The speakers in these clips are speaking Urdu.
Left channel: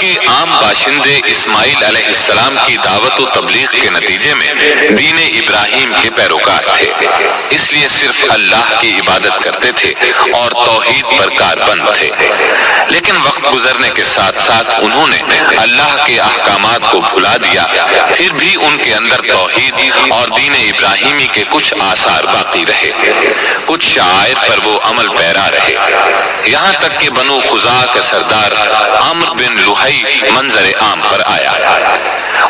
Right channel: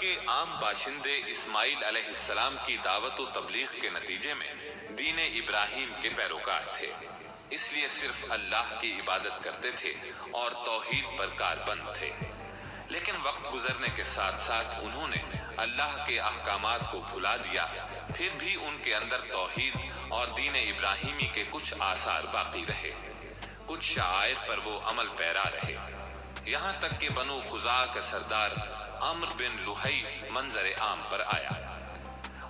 کے عام باشندے اسماعیل علیہ السلام کی دعوت و تبلیغ کے نتیجے میں دین ابراہیم کے پیروکار تھے، اس لیے صرف اللہ کی عبادت کرتے تھے اور توحید پر کاربند تھے۔ لیکن وقت گزرنے کے ساتھ ساتھ انہوں نے اللہ کے احکامات کو بھلا دیا، پھر بھی ان کے اندر توحید اور دین ابراہیمی کے کچھ آثار باقی رہے، کچھ شعائر پر وہ عمل پیرا رہے، یہاں تک کہ بنو خزاعہ کا سردار عمرو بن لحی منظر عام پر آیا۔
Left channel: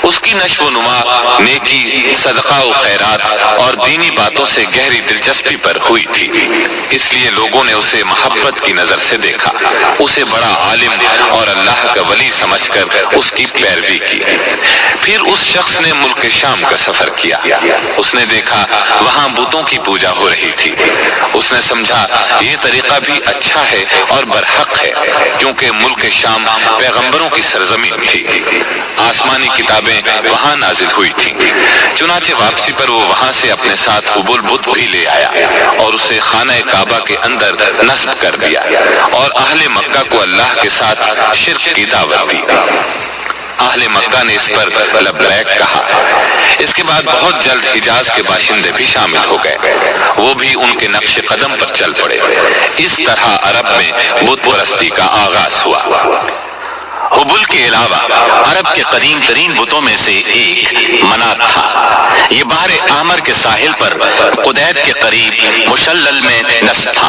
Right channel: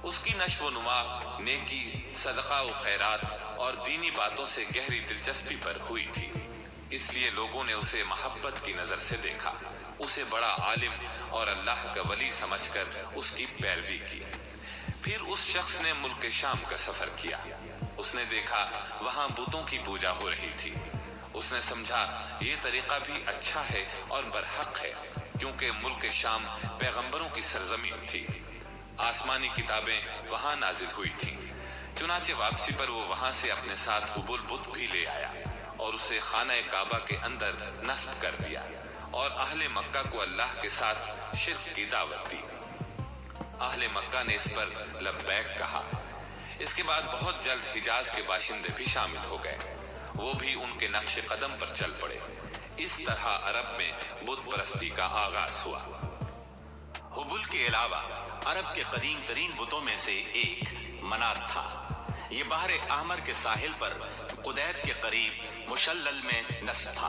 اس کی نشو و نما نیکی، صدقہ و خیرات اور دینی باتوں سے گہری دلچسپی پر ہوئی تھی، اس لیے لوگوں نے اسے محبت کی نظر سے دیکھا، اسے بڑا عالم اور اللہ کا ولی سمجھ کر اس کی پیروی کی۔ پھر اس شخص نے ملک شام کا سفر کیا، اس نے دیکھا وہاں بتوں کی پوجا ہو رہی تھی، اس نے سمجھا یہ طریقہ بھی اچھا ہے اور برحق ہے، کیونکہ ملک شام پیغمبروں کی سرزمین تھی، آسمانی کتابیں وہاں نازل ہوئی تھیں۔ چنانچہ واپسی پر وہ وہاں سے اپنے ساتھ حبل بت بھی لے آیا اور اسے خانہ کعبہ کے اندر نصب کر دیا اور اہل مکہ کو اللہ کے ساتھ شرک کی دعوت دی۔ اہل مکہ نے اس پر لبیک کہا۔ اس کے بعد بہت جلد حجاز کے باشندے بھی شامل ہو گئے، وہ بھی ان کے نقش قدم پر چل پڑے۔ اس طرح عرب میں بت پرستی کا آغاز ہوا۔ حبل کے علاوہ عرب کے قدیم ترین بتوں میں سے ایک منات تھا۔ یہ بحر احمر کے ساحل پر قدید کے قریب مشلل میں نصب تھا۔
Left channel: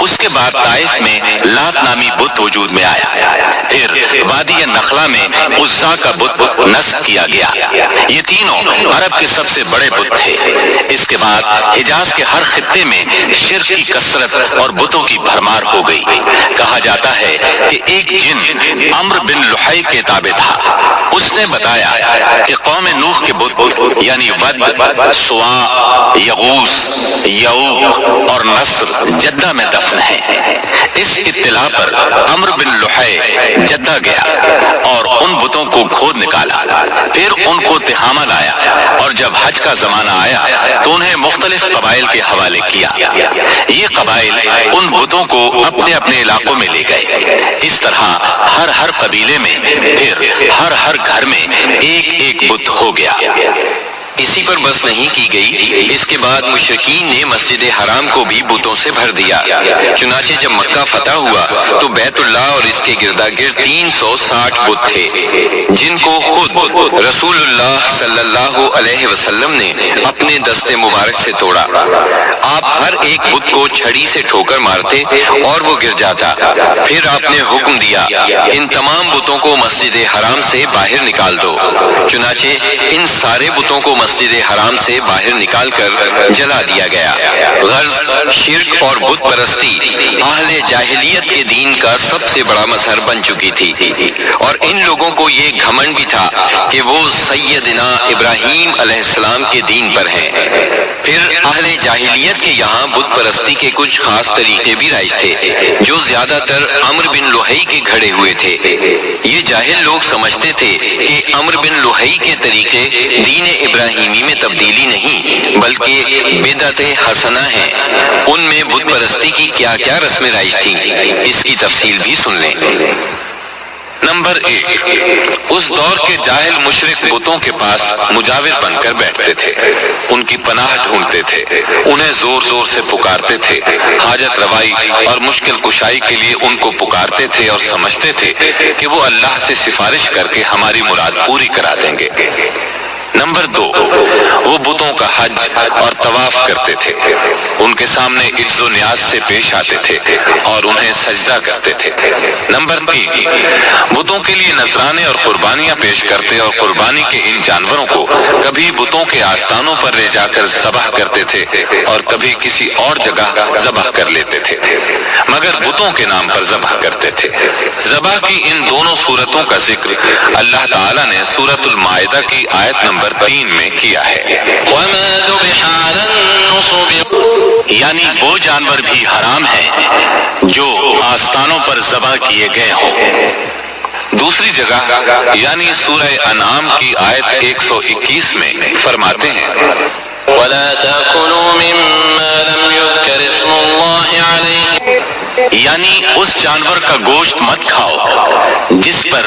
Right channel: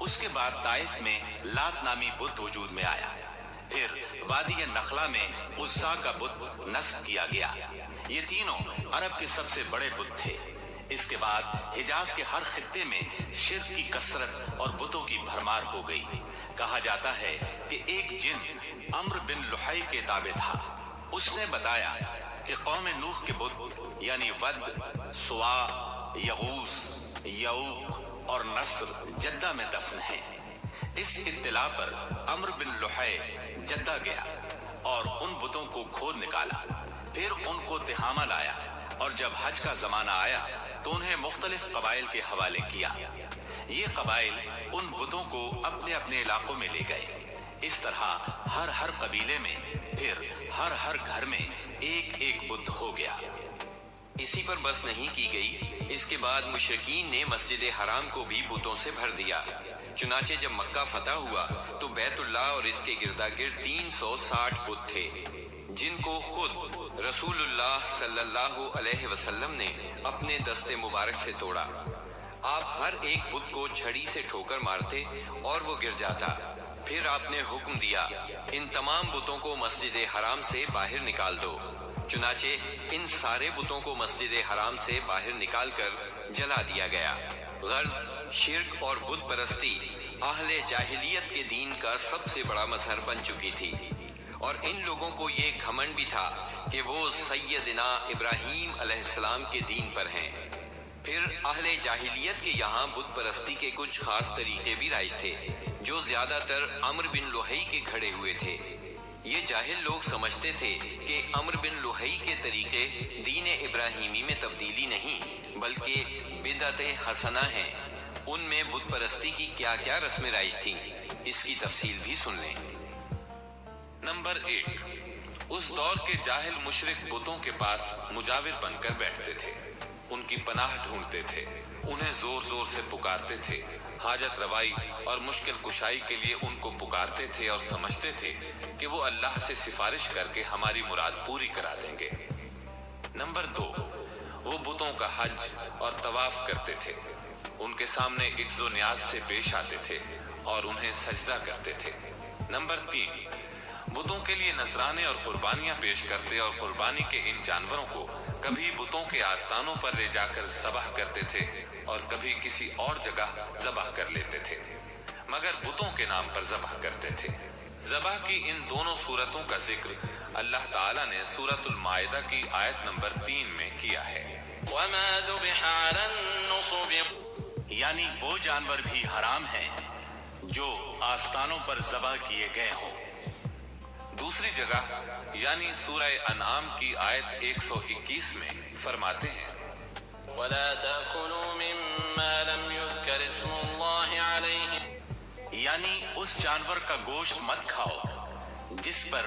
اس کے بعد طائف میں لات نامی بت وجود میں آیا، پھر وادی نخلا میں عزا کا بت نصب کیا گیا۔ یہ تینوں عرب کے سب سے بڑے بت تھے۔ اس کے بعد حجاز کے ہر خطے میں شرک کی کثرت اور بتوں کی بھرمار ہو گئی۔ کہا جاتا ہے کہ ایک جن عمرو بن لحی کے تابع تھا، اس نے بتایا کہ قوم نوح کے بت یعنی ود، سواع، یغوث، یعوق اور نصر جدہ میں دفن ہے۔ اس اطلاع پر عمرو بن لحی جدہ گیا اور ان بتوں کو کھود نکالا، پھر ان کو تہامہ لایا اور جب حج کا زمانہ آیا تو انہیں مختلف قبائل کے حوالے کیا۔ یہ قبائل ان بتوں کو اپنے اپنے علاقوں میں لے گئے۔ اس طرح ہر قبیلے میں پھر ہر گھر میں ایک بت ہو گیا۔ اسی پر بس نہیں کی گئی، اس کے بعد مشرکین نے مسجد حرام کو بھی بتوں سے بھر دیا۔ چنانچہ جب مکہ فتح ہوا تو بیت اللہ اور اس کے گردا گرد 360 بت تھے، جن کو خود رسول اللہ صلی اللہ علیہ وسلم نے اپنے دست مبارک سے توڑا۔ آپ ہر ایک بت کو چھڑی سے ٹھوکر مارتے اور وہ گر جاتا۔ پھر آپ نے حکم دیا ان تمام بتوں کو مسجد حرام سے باہر نکال دو۔ چنانچہ ان سارے بتوں کو مسجد حرام سے باہر نکال کر جلا دیا گیا۔ غرض شرک اور بت پرستی اہل جاہلیت کے دین کا سب سے بڑا مظہر بن چکی تھی، اور ان لوگوں کو یہ گھمنڈ بھی تھا کہ وہ سیدنا ابراہیم علیہ السلام کے دین پر ہیں۔ پھر اہل جاہلیت کے یہاں بت پرستی کے کچھ خاص طریقے بھی رائج تھے، جو زیادہ تر عمرو بن لحی کے گھڑے ہوئے تھے۔ یہ جاہل لوگ سمجھتے تھے کہ عمرو بن لحی کے طریقے دین ابراہیمی میں تبدیلی نہیں بلکہ بدعت حسنہ ہیں۔ ان میں بت پرستی کی کیا کیا رسمیں رائج تھیں، اس کی تفصیل بھی سن لیں۔ نمبر 1، اس دور کے جاہل مشرک بتوں کے پاس مجاور بن کر بیٹھتے تھے، ان کی پناہ ڈھونڈتے تھے، انہیں زور زور سے پکارتے تھے، حاجت روائی اور مشکل کشائی کے لیے ان کو پکارتے تھے اور سمجھتے تھے کہ وہ اللہ سے سفارش کر کے ہماری مراد پوری کرا دیں گے۔ نمبر 2، وہ بتوں کا حج اور طواف کرتے تھے، ان کے سامنے عجز و نیاز سے پیش آتے تھے اور انہیں سجدہ کرتے تھے۔ نمبر 3، بتوں کے لیے نذرانے اور قربانیاں پیش کرتے اور قربانی کے ان جانوروں کو کبھی بتوں کے آستانوں پر لے جا کر ذبح کرتے تھے اور کبھی کسی اور جگہ ذبح کر لیتے تھے، مگر بتوں کے نام پر ذبح کرتے تھے۔ ذبح کی ان دونوں صورتوں کا ذکر اللہ تعالیٰ نے سورۃ المائدہ کی آیت نمبر 3 میں کیا ہے، یعنی وہ جانور بھی حرام ہیں جو آستانوں پر ذبح کیے گئے ہوں۔ دوسری جگہ یعنی سورہ انعام کی آیت 121 میں فرماتے ہیں وَلَا تَأْكُلُوا مِمَّا لَمْ يُذْكَرِ اسْمُ اللَّهِ عَلَيْهِ، یعنی اس جانور کا گوشت مت کھاؤ جس پر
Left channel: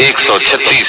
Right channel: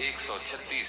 136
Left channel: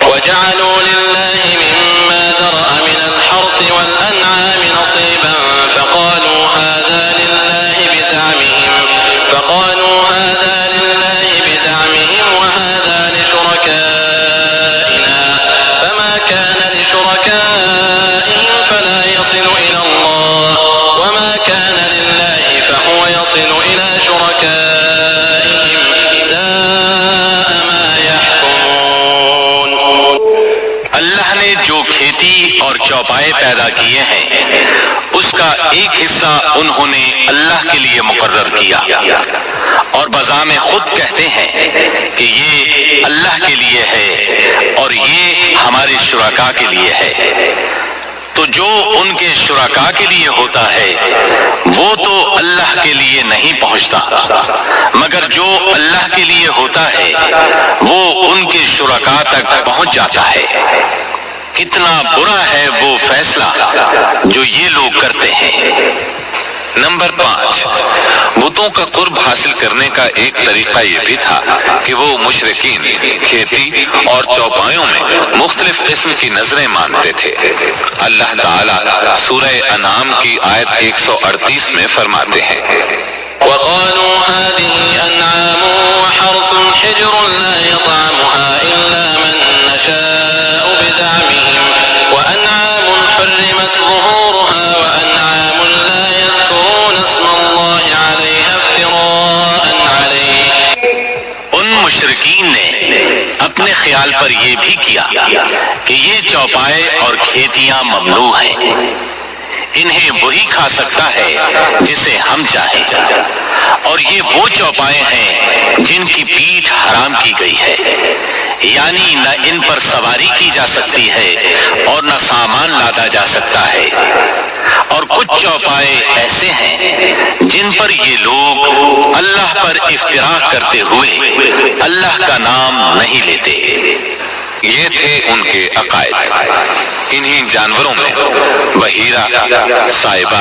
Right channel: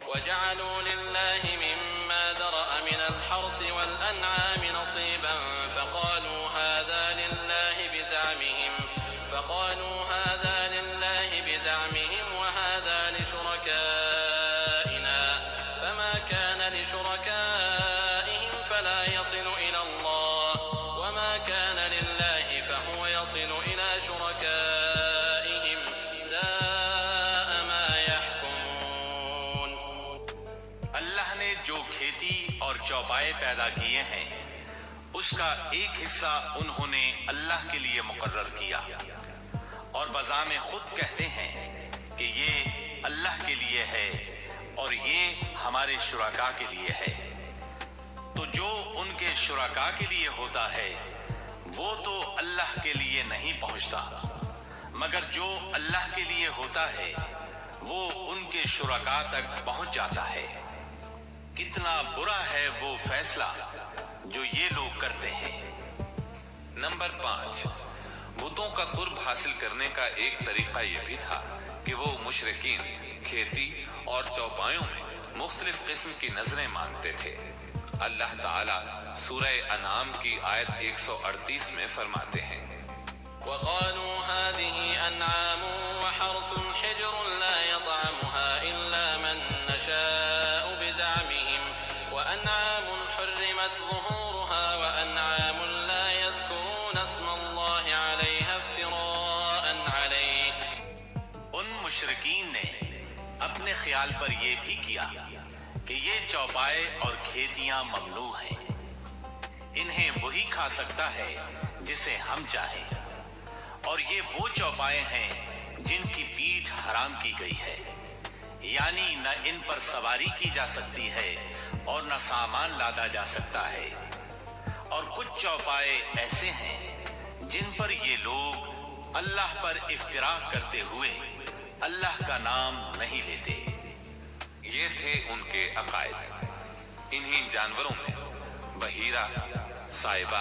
وَجَعَلُوا لِلَّهِ مِمَّا ذَرَأَ مِنَ الْحَرْثِ وَالْأَنْعَامِ نَصِيبًا فَقَالُوا هَذَا لِلَّهِ بِزَعْمِهِمْ وَهَذَا لِشُرَكَائِنَا فَمَا كَانَ لِشُرَكَائِهِمْ فَلَا يَصِلُ إِلَى اللَّهِ وَمَا كَانَ لِلَّهِ فَهُوَ يَصِلُ إِلَى شُرَكَائِهِمْ سَاءَ مَا يَحْكُمُونَ۔ اللہ نے جو کھیتی اور چوپائے پیدا کیے ہیں اس کا ایک حصہ انہوں نے اللہ کے لیے مقرر کیا اور بزعم خود کہتے ہیں کہ یہ اللہ کے لیے ہے اور یہ ہمارے شرکاء کے لیے ہے۔ تو جو ان کے شرکاء کے لیے ہوتا ہے وہ تو اللہ کے لیے نہیں پہنچتا، مگر جو اللہ کے لیے ہوتا ہے وہ ان کے شرکاء تک پہنچ جاتا ہے۔ کتنا برا ہے وہ فیصلہ جو یہ لوگ کرتے ہیں۔ نمبر 5، بتوں کا قرب حاصل کرنے کا ایک طریقہ یہ بھی تھا کہ وہ مشرکین کھیتی اور چوپایوں میں مختلف قسم کی نظریں مانتے تھے۔ اللہ تعالیٰ سورہ انعام کی آیت 138 میں فرماتے ہیں، وَقَالُوا هَٰذِهِ أَنْعَامٌ وَحَرْثٌ حِجْرٌ لَا يَطْعَمُهَا إِلَّا مَن نَّشَاءُ بِزَعْمِهِمْ وَأَنْعَامٌ حُرِّمَتْ ظُهُورُهَا وَأَنْعَامٌ لَّا يَذْكُرُونَ اسْمَ اللَّهِ عَلَيْهَا افْتِرَاءً عَلَيْهِ۔ ان مشرکین نے اپنے خیال پر یہ بھی کیا کہ یہ چوپائے اور کھیتیاں ممنوع ہیں، انہیں وہی کھا سکتا ہے جسے ہم چاہیں، اور یہ وہ چوپائے ہیں جن کی پیٹھ حرام کی گئی ہے، یعنی نہ ان پر سواری کی جا سکتی ہے اور نہ سامان لادا جا سکتا ہے۔ اور کچھ چوپائے ایسے ہیں جن پر یہ لوگ اللہ پر افتراء کرتے ہوئے اللہ کا نام نہیں لیتے۔ یہ تھے ان کے عقائد۔ انہی جانوروں میں بحیرہ، صائبہ،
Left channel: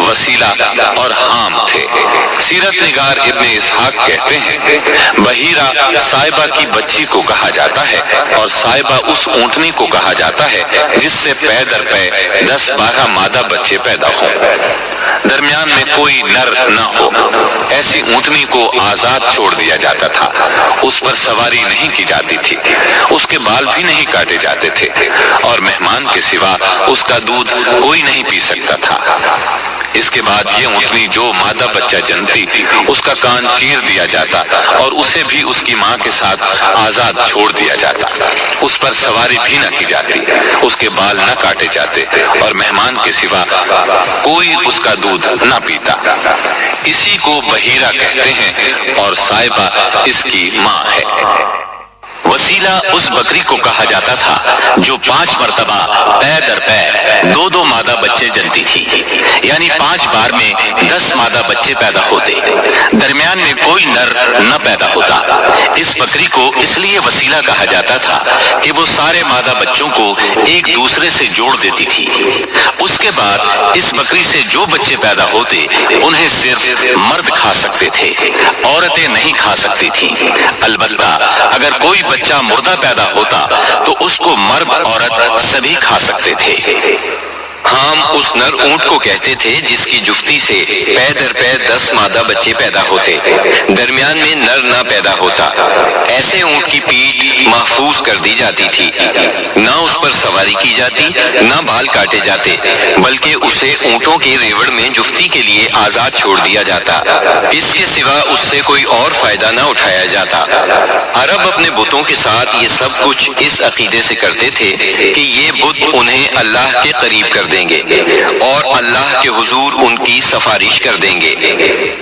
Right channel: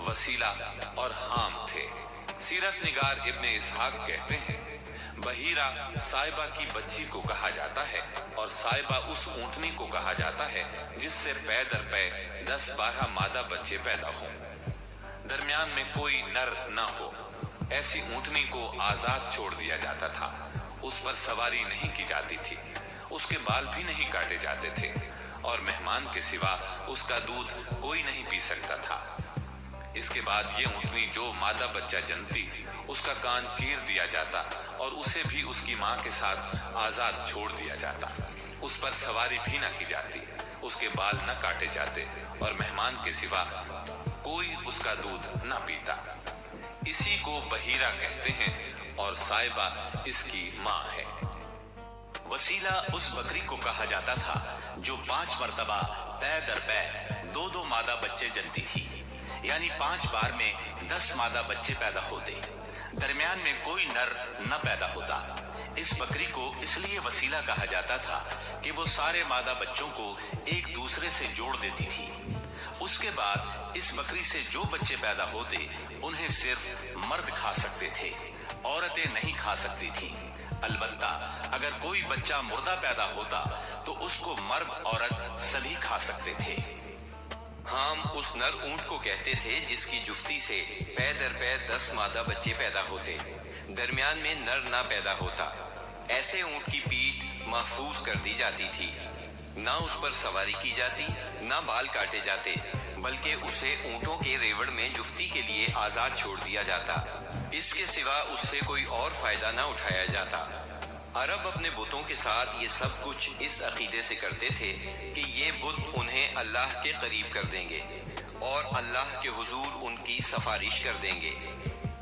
وسیلہ اور حام تھے۔ سیرت نگار ابن اسحاق کہتے ہیں، بحیرہ صائبہ کی بچی کو کہا جاتا ہے اور صائبہ اس اونٹنی کو کہا جاتا ہے جس سے پے در پے 10-12 مادہ بچے پیدا ہوں، درمیان میں کوئی نر نہ ہو۔ ایسی اونٹنی کو آزاد چھوڑ دیا جاتا تھا، اس پر سواری نہیں کی جاتی تھی، اس کے بال بھی نہیں کاٹے جاتے تھے، اور مہمان کے سوا اس کا دودھ کوئی نہیں پی سکتا تھا۔ اس کے بعد یہ اونٹنی جو مادہ بچہ جنتی اس کا کان چیر دیا جاتا اور اسے بھی اس کی ماں کے ساتھ آزاد چھوڑ دیا جاتا، اس پر سواری بھی نہ کی جاتی، اس کے بال نہ کاٹے جاتے اور مہمان کے سوا کوئی اس کا دودھ نہ پیتا۔ اسی کو بحیرہ کہتے ہیں اور صائبہ اس کی ماں ہے۔ وسیلہ اس بکری کو کہا جاتا تھا جو 5 مرتبہ پے در پے 2 مادہ بچے جنتی تھی، یعنی 5 بار میں 10 مادہ بچے پیدا ہوتے، درمیان میں کوئی نر نہ پیدا ہوتا۔ اس بکری کو اس لیے وسیلہ کہا جاتا تھا کہ وہ سارے مادہ بچوں کو ایک دوسرے سے جوڑ دیتی تھی۔ اس کے بعد اس بکری سے جو بچے پیدا ہوتے انہیں صرف مرد کھا سکتے تھے، عورتیں نہیں کھا سکتی تھیں۔ البتہ اگر کوئی بچہ مردہ پیدا ہوتا تو اس کو مرد عورت سبھی کھا سکتے تھے۔ حام اس نر اونٹ کو کہتے تھے جس کی جفتی سے پے در پے 10 مادہ بچے پیدا ہوتے، درمیان میں نر نہ پیدا ہوتا۔ ایسے اونٹ کی پیٹھ محفوظ کر دی جاتی تھی، نہ اس پر سواری کی جاتی نہ بال کاٹے جاتے بلکہ اسے اونٹوں کے ریوڑ میں جفتی کے لیے آزاد چھوڑ دیا جاتا، اس کے سوا اس سے کوئی اور فائدہ نہ اٹھایا جاتا۔ عرب اپنے بتوں کے ساتھ یہ سب کچھ اس عقیدے سے کرتے تھے کہ یہ بت انہیں اللہ کے قریب کر دیں گے اور اللہ کے حضور ان کی سفارش کر دیں گے۔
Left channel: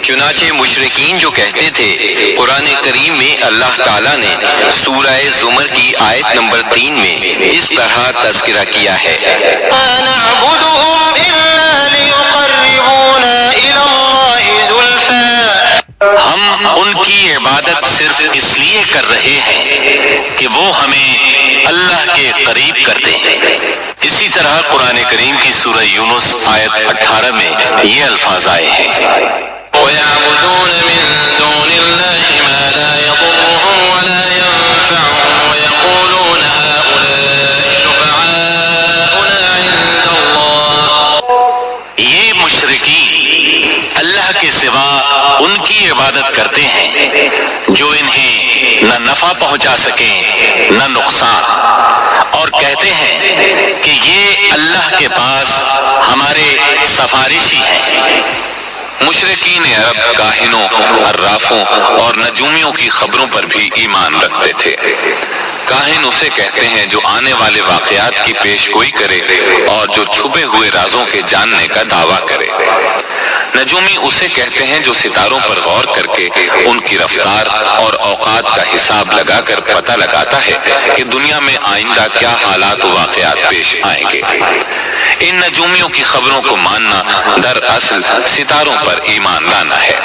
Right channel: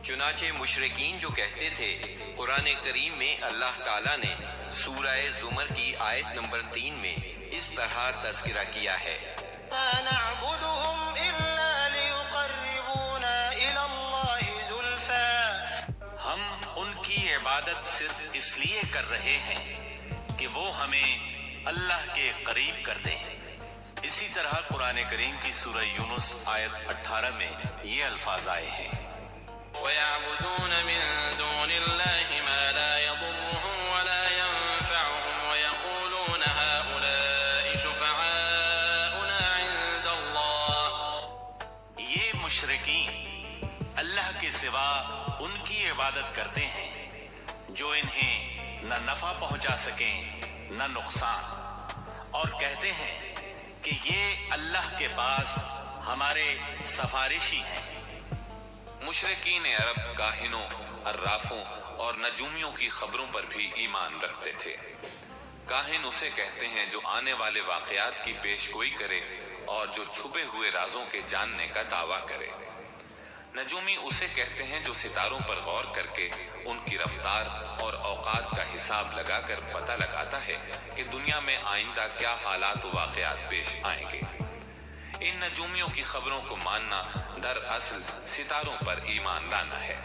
چنانچہ مشرکین جو کہتے تھے، قرآن کریم میں اللہ تعالیٰ نے سورہ زمر کی آیت نمبر 3 میں اس طرح تذکرہ کیا ہے، ہم ان کی عبادت صرف اس لیے کر رہے ہیں کہ وہ ہمیں اللہ کے قریب کر دیں۔ اسی طرح قرآن کریم کی سورہ یونس آیت 18 میں یہ الفاظ آئے ہیں، وَيَعْبُدُونَ مِن دُونِ اللَّهِ مَا لَا يَضُرُّهُمْ وَلَا يَنفَعُهُمْ وَيَقُولُونَ هَؤُلَاءِ شُفَعَاؤُنَا عِندَ اللَّهِ۔ یہ مشرکین اللہ کے سوا ان کی عبادت کرتے ہیں جو انہیں نہ نفع پہنچا سکیں نہ نقصان، اور کہتے ہیں کہ یہ اللہ کے پاس ہمارے سفارشی ہیں۔ مشرکین عرب کاہنوں، عرافوں اور نجومیوں کی خبروں پر بھی ایمان رکھتے تھے۔ کاہن اسے کہتے ہیں جو آنے والے واقعات کی پیش گوئی کرے اور جو چھپے ہوئے رازوں کے جاننے کا دعویٰ کرے۔ نجومی اسے کہتے ہیں جو ستاروں پر غور کر کے ان کی رفتار اور اوقات کا حساب لگا کر پتہ لگاتا ہے کہ دنیا میں آئندہ کیا حالات و واقعات پیش آئیں گے۔ ان نجومیوں کی خبروں کو ماننا دراصل ستاروں پر ایمان لانا ہے۔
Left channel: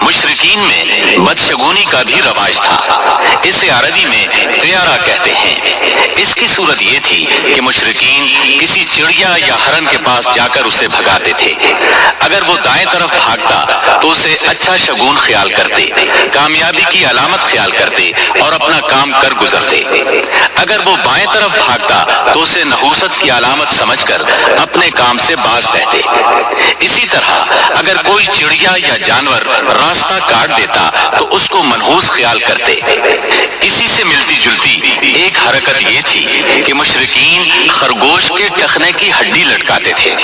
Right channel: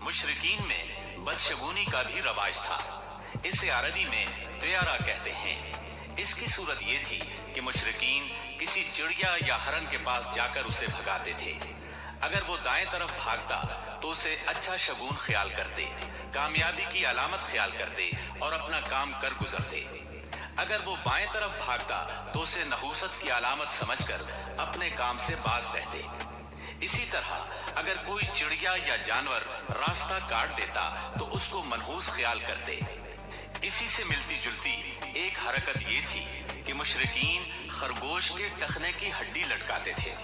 مشرکین میں بدشگونی کا بھی رواج تھا، اسے عربی میں طیارہ کہتے ہیں۔ اس کی صورت یہ تھی کہ مشرکین کسی چڑیا یا ہرن کے پاس جا کر اسے بھگاتے تھے۔ اگر وہ دائیں طرف بھاگتا تو اسے اچھا شگون خیال کرتے، کامیابی کی علامت خیال کرتے اور اپنا کام کر گزرتے۔ اگر وہ بائیں طرف بھاگتا تو اسے نحوست کی علامت سمجھ کر اپنے کام سے باز رہتے۔ اسی طرح اگر کوئی چڑیا یا جانور راستہ کاٹ دیتا تو اس کو منحوس خیال کرتے۔ اسی سے ملتی جلتی ایک حرکت یہ تھی کہ مشرکین خرگوش کے ٹخنے کی ہڈی لٹکاتے تھے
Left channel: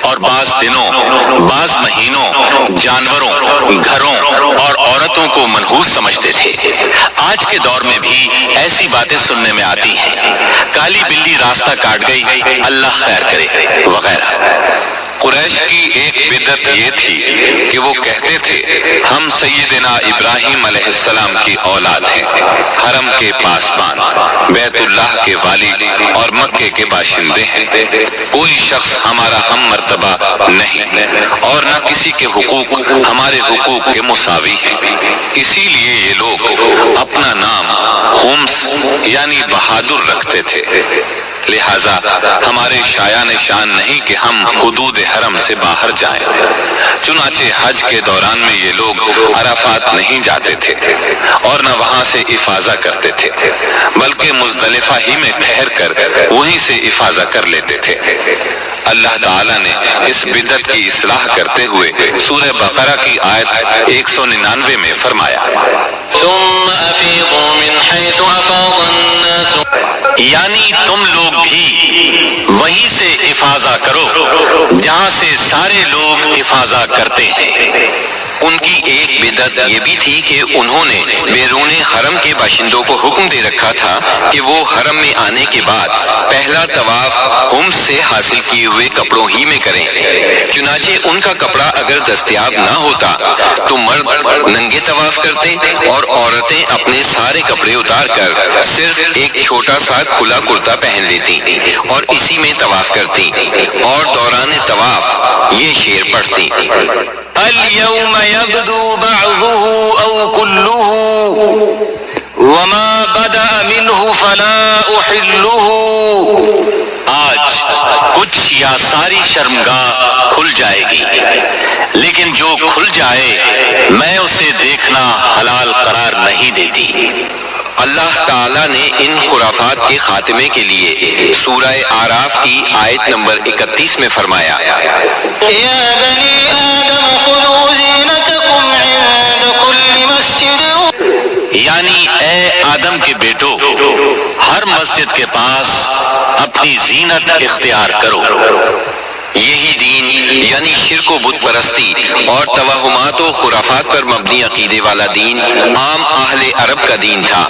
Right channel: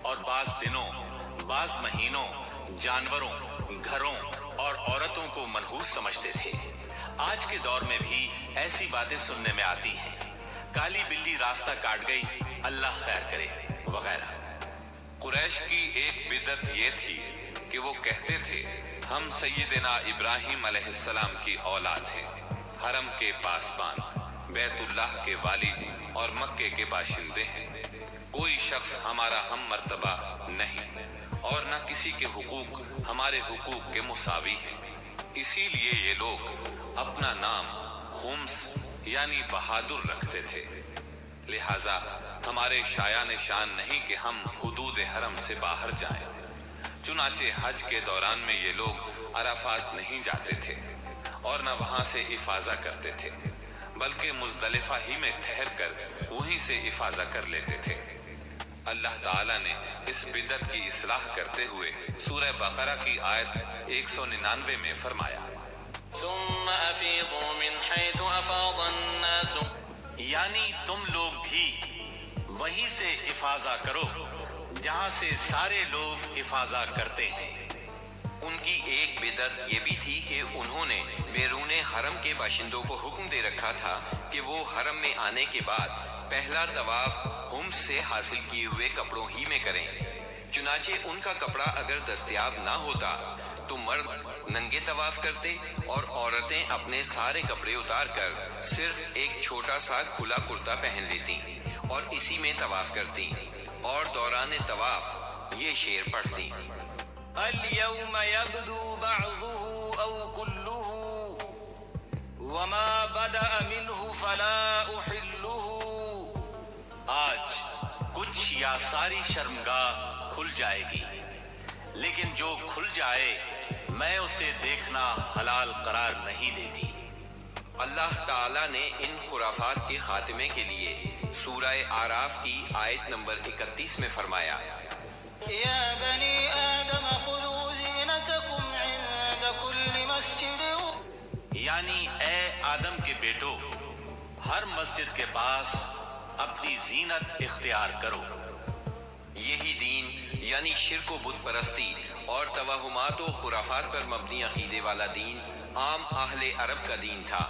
اور بعض دنوں، بعض مہینوں جانوروں، گھروں اور عورتوں کو منحوس سمجھتے تھے۔ آج کے دور میں بھی ایسی باتیں سننے میں آتی ہیں، کالی بلی راستہ کاٹ گئی، اللہ خیر کرے وغیرہ۔ قریش کی ایک بدعت یہ تھی کہ وہ کہتے تھے ہم سیدنا ابراہیم علیہ السلام کی اولاد ہیں، حرم کے پاسبان، بیت اللہ کے والی اور مکے کے باشندے ہیں۔ کوئی شخص ہمارا ہم مرتبہ نہیں اور نہ کسی کے حقوق ہمارے حقوق کے مساوی ہیں۔ اسی لیے یہ لوگ اپنا نام ہمس یعنی بہادر رکھتے تھے، لہذا ہمارے شایان شان نہیں کہ ہم حدود حرم سے باہر جائیں۔ چنانچہ حج کے دوران میں یہ لوگ عرفات نہیں جاتے تھے اور نہ وہاں سے افاضہ کرتے تھے، بلکہ مزدلفہ ہی میں ٹھہر کر وہیں سے افاضہ کر لیتے تھے۔ اللہ تعالیٰ نے اس بدعت کی اصلاح کرتے ہوئے سورہ بقرہ کی آیت 199 میں فرمایا، ثم افیضوا من حیث افاض الناس، یعنی تم لوگ بھی وہیں سے افاضہ کرو جہاں سے سارے لوگ افاضہ کرتے ہیں۔ ان کی ایک بدعت یہ بھی تھی کہ انہوں نے بیرون حرم کے باشندوں کو حکم دے رکھا تھا کہ وہ حرم میں آنے کے بعد پہلا طواف ہم سے حاصل کیے ہوئے کپڑوں ہی میں کریں۔ چنانچہ ان کا کپڑا اگر دستیاب نہ ہوتا تو مرد ننگے طواف کرتے اور عورتیں اپنے سارے کپڑے اتار کر صرف ایک چھوٹا سا کھلا کرتا پہن لیتی اور اسی میں طواف کرتی اور دوران طواف یہ شعر پڑھتی، اليوم يبدو بعضه أو كله وما بدأ منه فلا أحله۔ آج کچھ یا ساری شرمگاہ کھل جائے گی، لیکن جو کھل جائے میں اسے دیکھنا حلال قرار نہیں دیتی۔ اللہ تعالیٰ نے ان خرافات کے خاتمے کے لیے سورہ آراف کی آیت نمبر 31 میں فرمایا، یا بنی آدم خذوا زینتکم عند کل مسجد، یعنی اے آدم کے بیٹو، ہر مسجد کے پاس اپنی زینت اختیار کرو۔ یہی دین یعنی شرک و بت پرستی اور توہمات و خرافات پر مبنی عقیدے والا دین عام اہل عرب کا دین تھا۔